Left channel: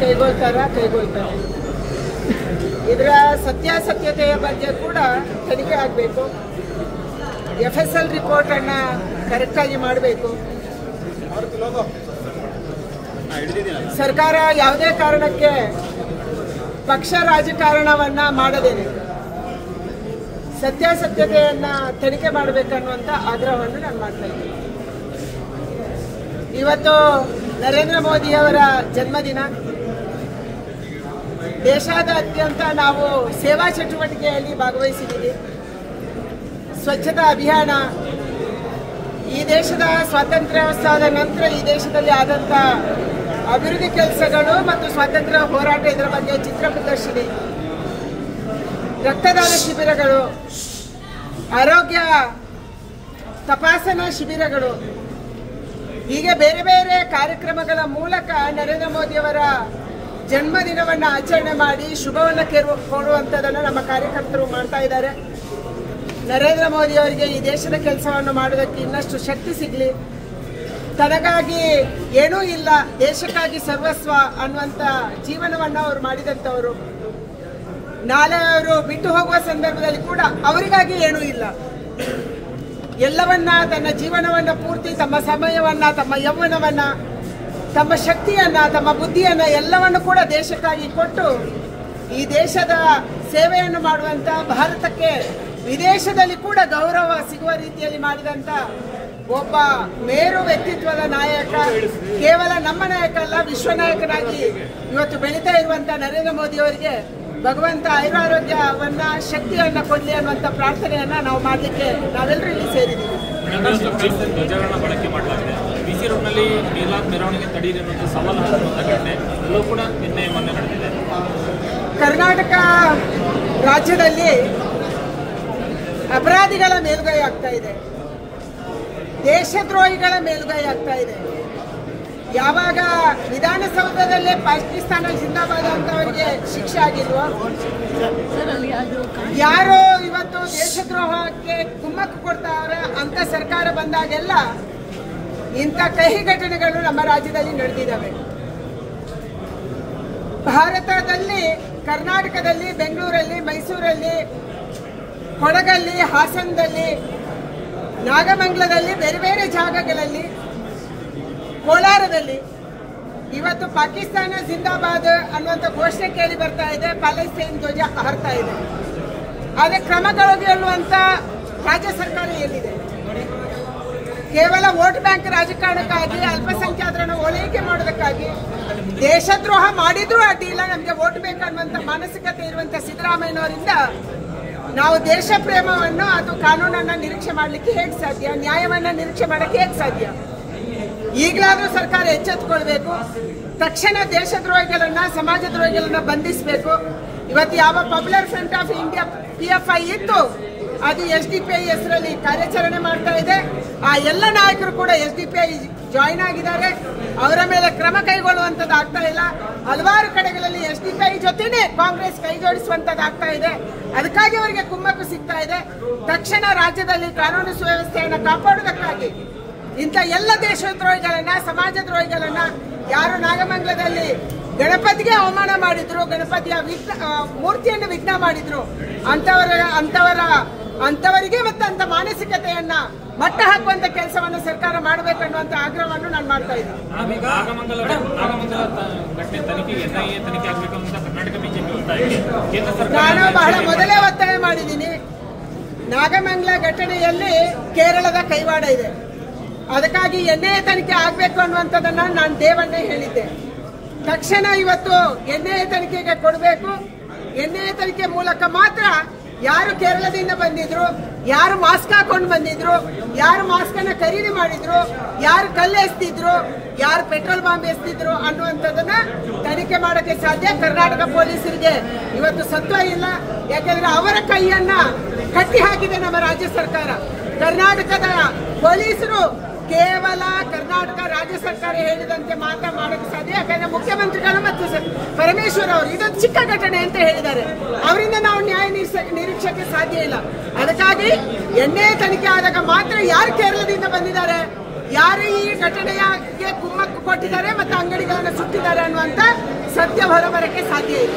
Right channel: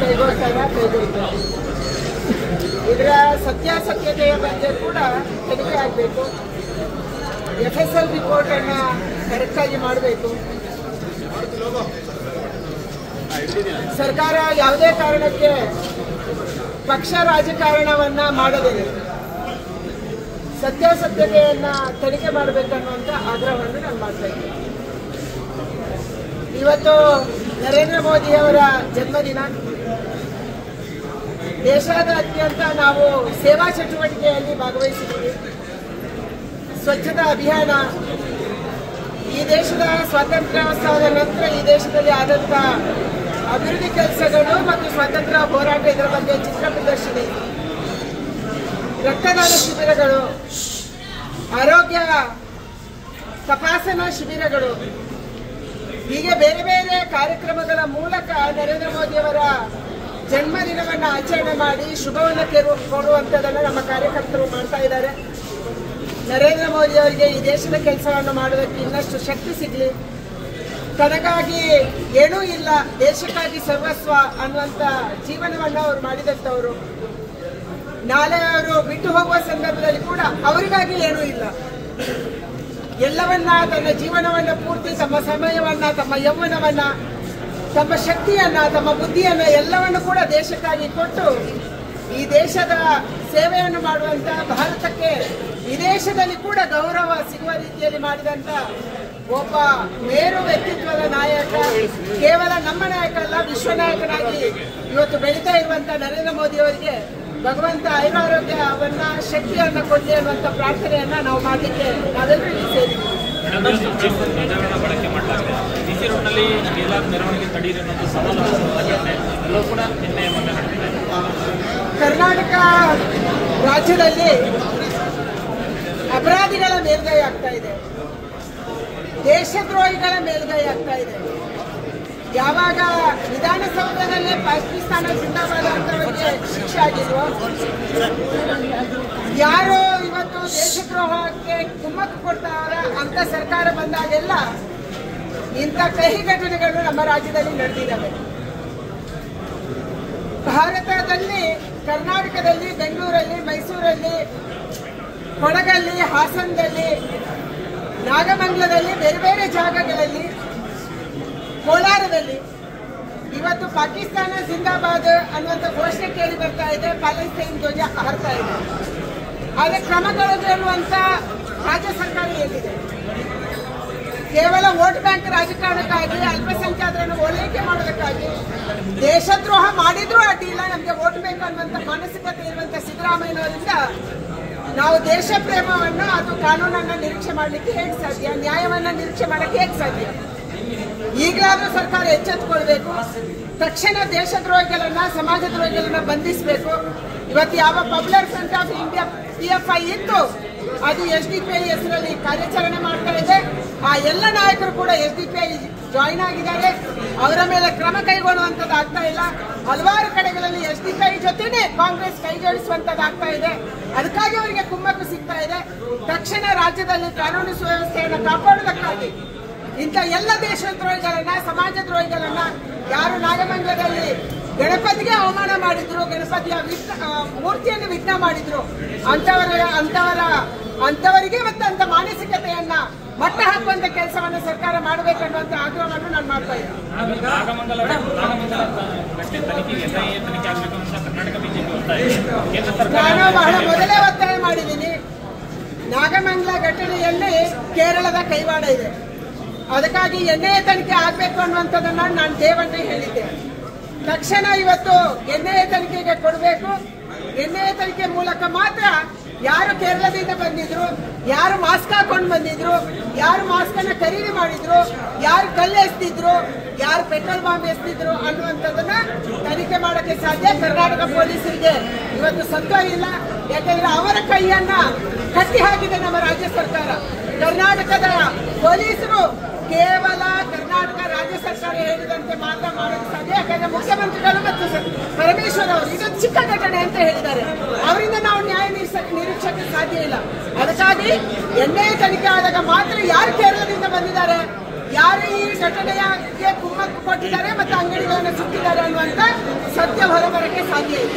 ಕೈಗೊಳ್ತಾರೆ. ಇದರ ಸತ್ಯಾಸತ್ಯತೆಯ ಬಗ್ಗೆ ಕೂಡ ತನಿಖೆ ಆಗಬೇಕು. FSL ರಿಪೋರ್ಟ್ ಅನ್ನ ಕರೆಕ್ಟಾಗಿ ಮಾಡಬೇಕು. ಸರ್ಕಾರ ಯಾವುದೇ ಕಾರಣಕ್ಕೆ ಪಕ್ಷ ರಾಜಕಾರಣವನ್ನ ಮಾಡದೇನೆ ಸತ್ಯಾಸತ್ಯತೆಯನ್ನ ತನಿಖೆ ಮಾಡಬೇಕನ್ನುವಂತ ಆಗ್ರಹವನ್ನು ನಾನು ಮಾಡ್ತಾ ಇದ್ದೀನಿ. ಇವತ್ತು ನರೇಂದ್ರ ಮೋದಿಯವರ ಜನ್ಮದಿನ. ದೇಶಾದ್ಯಂತ ನಾವು ಸೇವಾ ಚಟುವಟಿಕೆಯಲ್ಲಿ ಭಾಗವಹಿಸಿದ್ದೀವಿ. ಸ್ವಚ್ಛತಾ ಅಭಿಯಾನ, ಈ ದೇಶದ ಸ್ವಾತಂತ್ರ್ಯೋತ್ಸವದ ನಂತರ ಈ ದೇಶದಲ್ಲಿ ಆದಂಥ ಅಭಿವೃದ್ಧಿ ಕೆಲಸಗಳು ಮತ್ತು ಸ್ವಾತಂತ್ರ್ಯ ಹೋರಾಟ, ಇದರ ಬಗ್ಗೆ ಚಿತ್ರ ಪ್ರದರ್ಶನ, ರಕ್ತದಾನ ಶಿಬಿರಗಳು, ಆರೋಗ್ಯ ತಪಾಸಣಾ ಶಿಬಿರಗಳು, ಹೀಗೆ ಬೇರೆ ಬೇರೆ ಕಾರ್ಯಕ್ರಮಗಳ ಮೂಲಕ ನರೇಂದ್ರ ಮೋದಿಯವರ ಜನ್ಮದಿನವನ್ನು ಆಚರಣೆ ಮಾಡಿ ಶುಭವನ್ನು ಕೋರುವಂಥದ್ದನ್ನು ನಮ್ಮ ಕಾರ್ಯಕರ್ತರು ಮಾಡ್ತಾ ಇದ್ದಾರೆ. ನರೇಂದ್ರ ಮೋದಿ ಅವರಿಗೆ ಈ ದೇಶದ ಕೆಲಸವನ್ನು ಮಾಡೋದಕ್ಕೆ ಇನ್ನಷ್ಟು ಶಕ್ತಿ ಸಿಗಲಿ. ತನಗಾಗಿ ಏನೂ ಇಲ್ಲ, ದೇಶಕ್ಕಾಗಿ ಸರ್ವಸ್ವ ಅನ್ನುವಂಥ ಜೀವನವನ್ನು ಅವರು ಮಾಡಿದಂಥವರು. ನಾಳೆ ಅವರು ಬಿಟ್ಟು ಹೋಗುವ ಸಂದರ್ಭದಲ್ಲಿ ಕೂಡ ಅವರಿಗಾಗಿ ಏನೂ ಇಲ್ಲ, ಎಲ್ಲವನ್ನ ತನ್ನ ಜೀವನವನ್ನ ಪೂರ್ತಿ, ತಮ್ಮ ಸಮಯವನ್ನ, ತಮ್ಮ ಯೌವನವನ್ನ, ತಮ್ಮ ಶಕ್ತಿಯನ್ನ, ತಮ್ಮ ಬುದ್ಧಿಯನ್ನ ಎಲ್ಲವನ್ನು ಕೂಡ ದೇಶಕ್ಕಾಗಿ ಕೊಟ್ಟು ಈ ದೇಶದ ಸೇವೆಯನ್ನು ಮಾಡುವಂತ, ಭಾರತಕ್ಕೆ ವಿದೇಶದಲ್ಲಿ ಕೂಡ ಗೌರವ ಸಿಗುವ ರೀತಿಯಲ್ಲಿ ಮಾಡಿದಂತ ಒಬ್ಬ ಮೇರು ವ್ಯಕ್ತಿತ್ವದ ನಾಯಕ, ಕೇವಲ ನಮ್ಮ ನಾಯಕ ಅಲ್ಲ, ವಿಶ್ವ ನಾಯಕನಾಗಿ ಇವತ್ತು ಬೆಳೀತಾ ಇರುವಂತ ನರೇಂದ್ರ ಮೋದಿ ಅವರಿಗೆ ಭಗವಂತ ಆಯುರಾರೋಗ್ಯವನ್ನ, ಶಕ್ತಿಯನ್ನ ಕೊಡಲಿ ಅನ್ನುವಂತ ಪ್ರಾರ್ಥನೆಯನ್ನ ನಾವು ಮಾಡಲಿಕ್ಕೆ ನಾವೆಲ್ಲರೂ ಇಲ್ಲಿ ಸೇರಿದ್ದೀವಿ. ಕರ್ನಾಟಕ ರಾಜ್ಯದಲ್ಲಿ ಅಪರಾಧಿಗಳ ಮೇಲುಗೈ ಆಗ್ತಾ ಇದೆ, ದೇಶದ್ರೋಹಿಗಳ ಮೇಲುಗೈ ಆಗ್ತಾ ಇದೆ. ಯಾವಾಗ ವಿಧಾನಸೌಧದಲ್ಲೇ ಪಾಕಿಸ್ತಾನ ಜಿಂದಾಬಾದ್ ಅಂತವರಿಗೆ ಶಿಕ್ಷೆ ಆಗಿಲ್ವೋ, ಯಾರು ಇವತ್ತು ದೇಶದ್ರೋಹಕ್ಕೆ ಕುಮ್ಮಕ್ಕು ಕೊಡ್ತಾರ ಅಂತ ಸರ್ಕಾರ ಬಂದಾಗೆಲ್ಲ ಇಂಥ ಕಹಿ ಘಟನೆಗಳು ನಮ್ಮ ರಾಜ್ಯದಲ್ಲಿ ನಡೆದಿದ್ದಾವೆ. ಭಾರತದಲ್ಲಿ, ಕರ್ನಾಟಕದಲ್ಲಿ, ಬೆಂಗಳೂರಲ್ಲಿ, ಮೈಸೂರಲ್ಲಿ, ಕೊಡಗಲ್ಲಿ, ಹಾಸನದಲ್ಲಿ, ನಾಗಮಂಗಲದಲ್ಲಿ, ಬೇರೆ ಬೇರೆ ಜಾಗಗಳಲ್ಲಿ, ಕೋಲಾರದಲ್ಲಿ ಇವತ್ತು ಪಾಕಿಸ್ತಾನ ಜಿಂದಾಬಾದ್ ಅನ್ನುವಂಥ ಘೋಷಣೆ ಕೇಳಿ ಬರ್ತಾ ಇದೆ, ಪ್ಯಾಲೆಸ್ತೈನ್ ಧ್ವಜ ಹಾರ್ತಾ ಇದೆ. ಆದರೆ ಕ್ರಮಗಳು ಅನ್ನುವಂಥ ರಾಜ್ಯ ಸರ್ಕಾರ ಎಲ್ಲಿದೆ? ಕೇವಲ ವೋಟ್ ಬ್ಯಾಂಕ್ ರಾಜಕಾರಣಕ್ಕಾಗಿ, ಅಲ್ಪಸಂಖ್ಯಾತರನ್ನು ಓಲೈಕೆ ಮಾಡೋದಕ್ಕಾಗಿ, ದೇಶದ್ರೋಹ ಮಾಡಿದ್ರೂ ಅಡ್ಡಿಲ್ಲ, ನಮಗೆ ವೋಟ್ ಬ್ಯಾಂಕ್ ಅನ್ನುವಂಥ ಮಾನಸಿಕತೆ ಇರುವಂಥ ಸಿದ್ದರಾಮಯ್ಯನವರಿಂದ ನಾವು ದೇಶ ಪ್ರೇಮವನ್ನು ಅಥವಾ ಕಾನೂನನ್ನ ನಿರೀಕ್ಷೆ ಮಾಡಲಿಕ್ಕೆ ಹೇಗೆ ಸಾಧ್ಯ? ನ್ಯಾಯವನ್ನ ನಿರೀಕ್ಷೆ ಮಾಡಕ್ಕೆ ಹೇಗೆ ಸಾಧ್ಯ? ಈಗಲಾದ್ರೂ ಸರ್ಕಾರ ಎಚ್ಚೆತ್ತುಕೊಳ್ಬೇಕು. ತಕ್ಷಣ ದೇಶದ್ರೋಹಿಗಳನ್ನ, ಸಮಾಜದ್ರೋಹಿಗಳನ್ನ ಬಂಧಿಸಬೇಕು. ಇವತ್ತು ಯಾವ popular front of India PFI ಇತ್ತು, ಅದು SDPI ಹೆಸರಲ್ಲಿ ಕಾರ್ಯಾಚರಣೆ ಮಾಡ್ತಾ ಇದೆ. ಆ ಎಲ್ಲ ನಾಯಕರು ಕೂಡ SDPI ಜಾಯಿನ್ ಆಗಿದ್ದಾರೆ. ಅವರ ಮೇಲೆ ಕ್ರಮ ಕೈಗೊಳ್ಳುವಂತದ್ದು ಆಗ್ತಾ ಇಲ್ಲ. ಹಲವಾರು ಕಡೆಗಳಲ್ಲಿ SDPI ಜೊತೆನೆ ಕಾಂಗ್ರೆಸ್ ಕೈ ಜೋಡಿಸುವಂತದ್ದು ಆಗ್ತಾ ಇದೆ. ಅದಕ್ಕಾಗಿ ಅವರಿಗೆ ಕುಮ್ಮಕ್ಕು ಸಿಗ್ತಾ ಇದೆ. ತಕ್ಷಣ ರಾಜ್ಯದಲ್ಲಿ ಕಾನೂನು ಸುವ್ಯವಸ್ಥೆಯನ್ನು ಕಾಪಾಡುವುದಕ್ಕಾಗಿ ಇಂಥ ಎಲ್ಲ ದೇಶದ್ರೋಹಿಗಳನ್ನ, ಸಮಾಜದ್ರೋಹಿಗಳನ್ನ, ಯಾರು ನಾಗಮಂಗಲದಲ್ಲಿ ಗಣಪತಿಗೆ ಅವಮಾನ ಮಾಡಿದ್ರು, ಗಣಪತಿಯ ಮೂರ್ತಿಯನ್ನು ವಿಘ್ನ ಮಾಡಿದ್ರು, ಅಂತವರಿಗೆ ಮತ್ತೆ ಅಂತ ಮಾನಸಿಕತೆಯನ್ನ ಮಟ್ಟ ಹಾಕುವಂತ ಕೆಲಸವನ್ನು ಸರ್ಕಾರ ಮಾಡಬೇಕನ್ನುವಂತ ಆಗ್ರಹವನ್ನು ನಾನು ಮಾಡ್ತಾ ಇದ್ದೀನಿ. ನಾನು ಬಹಳ ಮೊದಲೇ ಒತ್ತಾಯ ಮಾಡಿದ್ದೀನಿ. ನಾಗಮಂಗಲ ಘಟನೆಯಲ್ಲಿ ಕೇರಳದ ಕೈವಾಡ ಇದೆ. ಅದಕ್ಕಾಗಿ NIA ತನಿಖೆ ಆಗಬೇಕು ಅನ್ನುವಂಥದ್ದನ್ನ ನಾನು ದೇವಣ್ಣೆ ಹೇಳಿದ್ದೆ. ತಕ್ಷಣ ಇವತ್ತು NIA ತನಿಖೆಗೆ ಕೊಡಬೇಕು. NIA ತನಿಖೆ ಮೂಲಕ ಮಾತ್ರ ಯಾರು ಕೇರಳದಿಂದ ಬಂದಿದ್ರು, ಯಾರು ಮಾಸ್ಕ್ ಹಾಕೊಂಡು ಬಂದಿದ್ರು, ಯಾರು ಮಾಸ್ಕ್ ಅನ್ನ ಖರೀದಿ ಮಾಡಿದ್ರು, ಯಾರು ಕಲ್ಲು ಎಸ್ತಿದ್ರು, ಯಾರು ಪೆಟ್ರೋಲ್ ಬಾಂಬ್ ಎಸ್ತಿದ್ರು ಅನ್ನುವಂಥದ್ದನ್ನ ತನಿಖೆ ಮಾಡಕ್ಕೆ ಸಾಧ್ಯ. ಕರ್ನಾಟಕ ಪೊಲೀಸರಿಗೆ ಇವತ್ತು ಸತ್ವ ಇಲ್ಲ. ಯಾಕಂದ್ರೆ ಅವರ ಕೈಯನ್ನ ಕಟ್ಟಿ ಹಾಕಿದೆ ನಮ್ಮ ರಾಜ್ಯ ಸರ್ಕಾರ. ಕರ್ನಾಟಕದ ಪೊಲೀಸರು ಕೇವಲ ಕರ್ನಾಟಕ ರಾಜ್ಯ ಸರ್ಕಾರ ಹೇಳಿದಂತೆ ಮಾತ್ರ ಮಾಡಕ್ಕೆ ಸಾಧ್ಯ. ಯಾಕಂದ್ರೆ ಮುಖ್ಯಮಂತ್ರಿಗಳು ಮತ್ತು ಪರಮೇಶ್ವರ್ ಅವರು ಇದೊಂದು ಚಿಕ್ಕ ಘಟನೆ ಅಂತ ಹೇಳಿದ್ದಾರೆ. ಅವರಿಂದ ನಾವು ನ್ಯಾಯ ನಿರೀಕ್ಷೆಗೆ ಸಾಧ್ಯ ಇಲ್ಲ. ಅದಕ್ಕಾಗಿ NIA ತನಿಖೆ ಆದಾಗ ಮಾತ್ರ ಯಾರು ಕೇರಳದಿಂದ ಬಂದಿದ್ದಾರೆ, ಯಾರು ಈ ಘಟನೆಗೆ ಕುಮ್ಮಕ್ಕು ಕೊಟ್ಟಿದ್ದಾರೆ ಮತ್ತು ಅಂಗಡಿಗಳನ್ನು ಸುಟ್ಟಿದ್ದಾರೆ ಅನ್ನುವಂತ ಸತ್ಯ ಹೊರಬರಕ್ಕೆ ಸಾಧ್ಯ ಇದೆ.